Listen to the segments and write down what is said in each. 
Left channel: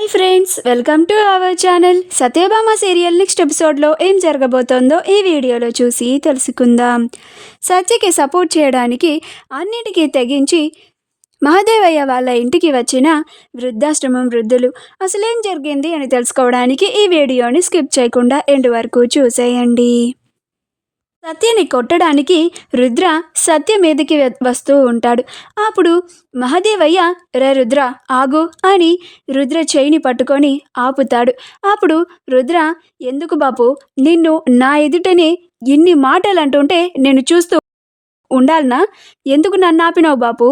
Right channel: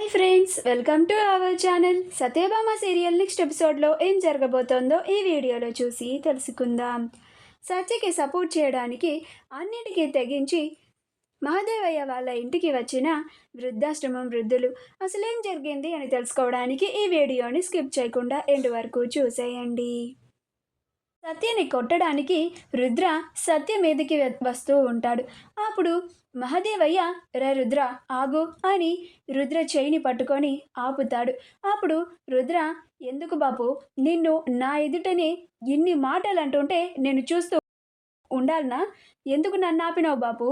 Hi friends, welcome to our channel. Satyabhama serial next ఎపిసోడ్లో ఏం జరగబోతోందో ఈ వీడియోలో చూసి తెలుసుకుందాం. సత్యకి సపోర్ట్ చేయడానికి అన్నిటికీ తెగించి మహాదేవయ్య వాళ్ళ ఇంటికి వచ్చిన వృద్ధాశ్రమం వృద్ధులు అసలేం జరిగింది అని తెలుసుకోవడానికి ఈ వీడియోని స్కిప్ చేయకుండా ఎండ్ వరకు చూసేయండి. సత్యని కొట్టడానికి రుద్ర సత్య మీదకి వస్తూ ఉంటాడు. అప్పుడు మహాదేవయ్య, రే రుద్ర ఆగు అని రుద్ర చేయిని పట్టుకొని ఆపుతాడు. అప్పుడు రుద్ర, ఎందుకు బాపు, నిన్ను నా ఎదుటనే ఇన్ని మాటలు అంటుంటే నేను చూస్తూ ఉండాలనా? ఎందుకు నన్ను ఆపినావు బాపు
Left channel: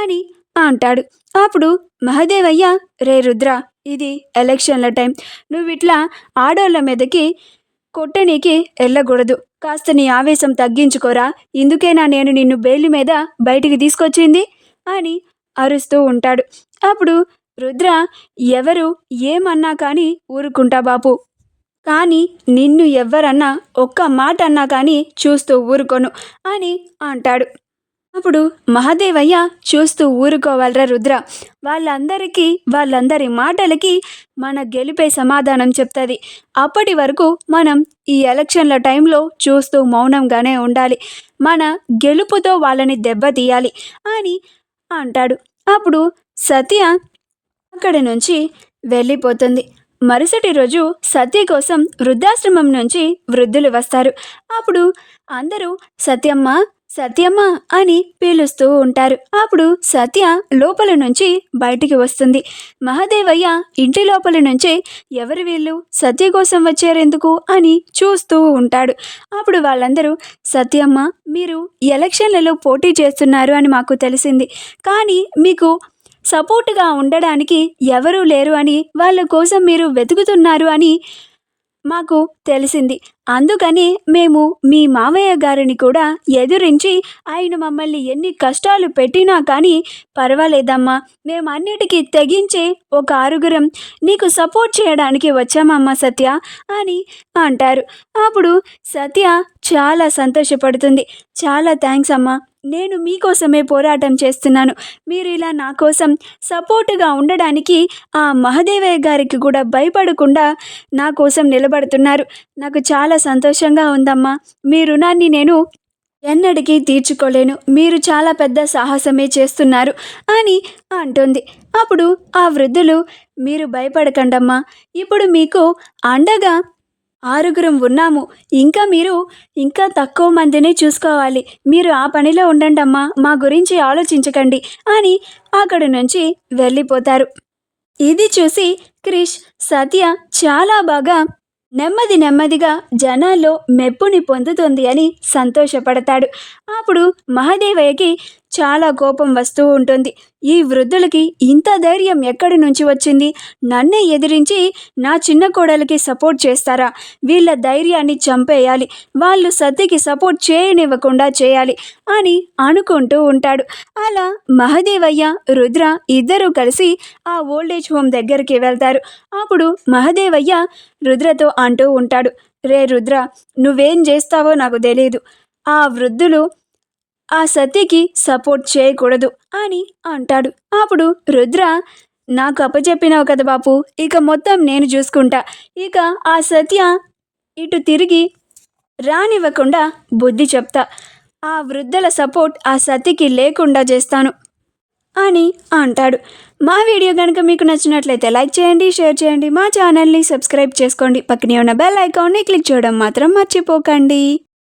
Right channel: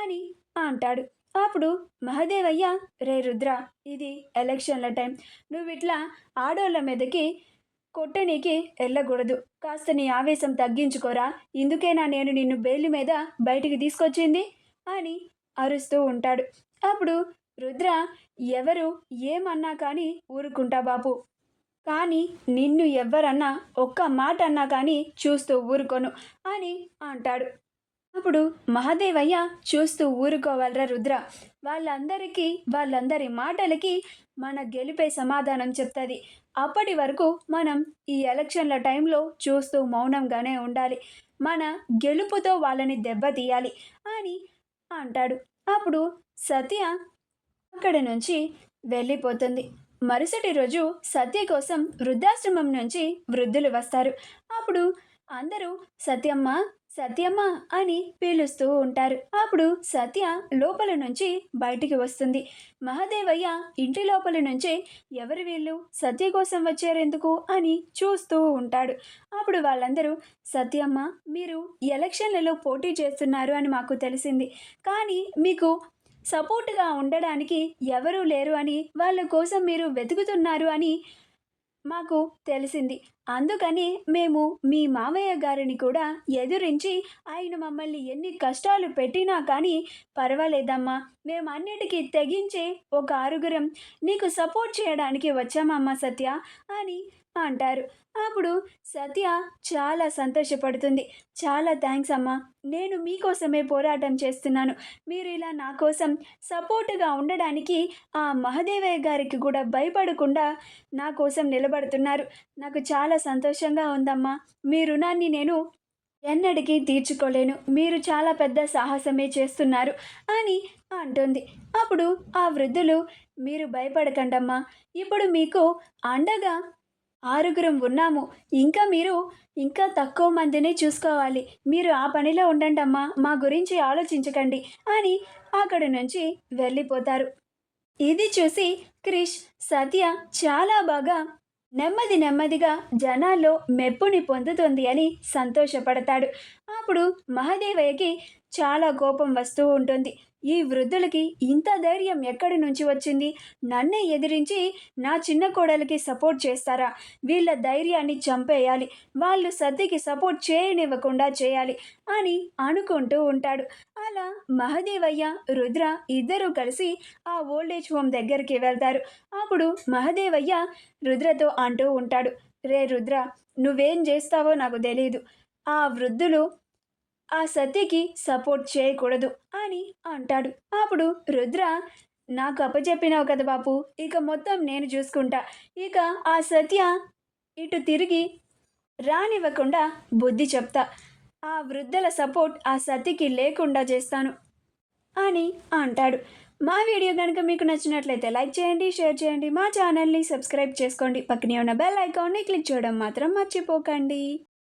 అని అంటాడు. అప్పుడు మహాదేవయ్య, రే రుద్ర, ఇది ఎలక్షన్ల టైం, నువ్వు ఇట్లా ఆడోళ్ళ మీదకి కొట్టనీకి వెళ్ళకూడదు. కాస్త నీ ఆవేశం తగ్గించుకోరా, ఇందుకేనా నేను నిన్ను బెయిల్ మీద బయటికి తీసుకొచ్చింది అని అరుస్తూ ఉంటాడు. అప్పుడు రుద్ర, ఎవరు ఏమన్నా కానీ ఊరుకుంటా బాపు, కానీ నిన్ను ఎవరన్నా ఒక్క మాట అన్నా కానీ చూస్తూ ఊరుకోను అని అంటాడు. అప్పుడు మహాదేవయ్య, చూస్తూ ఊరుకోవాలరా రుద్ర, వాళ్ళందరి మాటలకి మన గెలిపే సమాధానం చెప్తుంది. అప్పటి వరకు మనం ఈ ఎలక్షన్ల టైంలో చూస్తూ మౌనంగానే ఉండాలి. మన గెలుపుతో వాళ్ళని దెబ్బతీయాలి అని అంటాడు. అప్పుడు సత్య అక్కడి నుంచి వెళ్ళిపోతుంది. మరుసటి రోజు సత్య కోసం వృద్ధాశ్రమం నుంచి వృద్ధులు వస్తారు. అప్పుడు అందరూ సత్యమ్మ సత్యమ్మ అని పిలుస్తూ ఉంటారు. అప్పుడు సత్య లోపల నుంచి బయటికి వస్తుంది. మహాదేవయ్య ఇంటి లోపల నుంచే, ఎవరు వీళ్ళు, సత్య కోసం వచ్చారెందుకు అని చూస్తూ ఉంటాడు. అప్పుడు వాళ్ళందరూ, సత్యమ్మ, మీరు ఎలక్షన్లలో పోటీ చేస్తున్నారు అని మాకు తెలిసింది, కానీ మీకు సపోర్టుగా ఉండడానికి ఎవరూ లేరు అని, వాళ్ళ కోసం మీరు వెతుకుతున్నారు అని మాకు తెలిసింది. అందుకని మేము మీ మావయ్య గారిని కూడా ఎదురించి ఆయన మమ్మల్ని ఎన్ని కష్టాలు పెట్టినా కానీ పర్వాలేదమ్మా, మేము అన్నిటికీ తెగించే ఒక ఆరుగురం నీకు సపోర్ట్ చేయడానికి వచ్చామమ్మా సత్య అని అంటారు. అప్పుడు సత్య చాలా సంతోషపడుతుంది. చాలా థ్యాంక్స్ అమ్మా, నేను మీకోసమే పోరాటం చేస్తున్నాను. మీరు ఇలా నా కోసం సపోర్టుగా ఉండడానికి ఆ మహాదేవయ్య గారికి కూడా భయపడకుండా నా కోసం నిలబడుతున్నారు. నాకు చాలా సంతోషంగా ఉందమ్మా. మీ రుణాన్ని నేను ఎన్నటికీ తీర్చుకోలేను. మీరు చాలా పెద్ద సాహసమే చేస్తున్నారు అని అంటుంది. అప్పుడు ఆ వృద్ధులు, మీరు భయపడకండమ్మా, ఇప్పుడు మీకు అండగా ఆరుగురం ఉన్నాము. మీరు ఇంకా తక్కువ మందిని చూసుకోవాలి. మీరు ఆ పనిలో ఉండండమ్మా, మా గురించి ఆలోచించకండి అని అక్కడి నుంచి వెళ్ళిపోతారు. ఇది చూసి క్రిష్, సత్య చాలా బాగా నెమ్మదిగా జనాల్లో మెప్పుని పొందుతుంది అని సంతోషపడతాడు. అప్పుడు మహాదేవయ్యకి చాలా కోపం వస్తూ ఉంటుంది. ఈ వృద్ధులకి ఇంత ధైర్యం ఎక్కడి నుంచి వచ్చింది? నన్నే ఎదిరించి నా చిన్న కోడలికి సపోర్ట్ చేస్తారా? వీళ్ళ ధైర్యాన్ని చంపేయాలి, వాళ్ళు సత్యకి సపోర్ట్ చేయనివ్వకుండా చేయాలి అని అనుకుంటూ ఉంటాడు. అలా మహాదేవయ్య, రుద్ర ఇద్దరూ కలిసి ఆ ఓల్డేజ్ హోమ్ దగ్గరికి వెళ్తారు. అప్పుడు మహాదేవయ్య రుద్రతో అంటూ ఉంటాడు, రే రుద్ర, నువ్వేం చేస్తావో నాకు తెలియదు. ఆ వృద్ధులు ఆ సత్యకి సపోర్ట్ చేయకూడదు అని అంటాడు. అప్పుడు రుద్ర, నాకు అప్పచెప్పినావు కదా బాపు, ఇక మొత్తం నేను చూసుకుంటా. ఇక ఆ సత్య ఇటు తిరిగి రానివ్వకుండా బుద్ధి చెప్తా. ఆ వృద్ధుల సపోర్ట్ ఆ సత్యకి లేకుండా చేస్తాను అని అంటాడు. మా వీడియో కనుక మీకు నచ్చినట్లయితే లైక్ చేయండి, షేర్ చేయండి, మా ఛానల్ని సబ్స్క్రైబ్ చేసుకోండి, పక్కనే ఉన్న బెల్ ఐకాన్ని క్లిక్ చేయడం మాత్రం మర్చిపోకండి.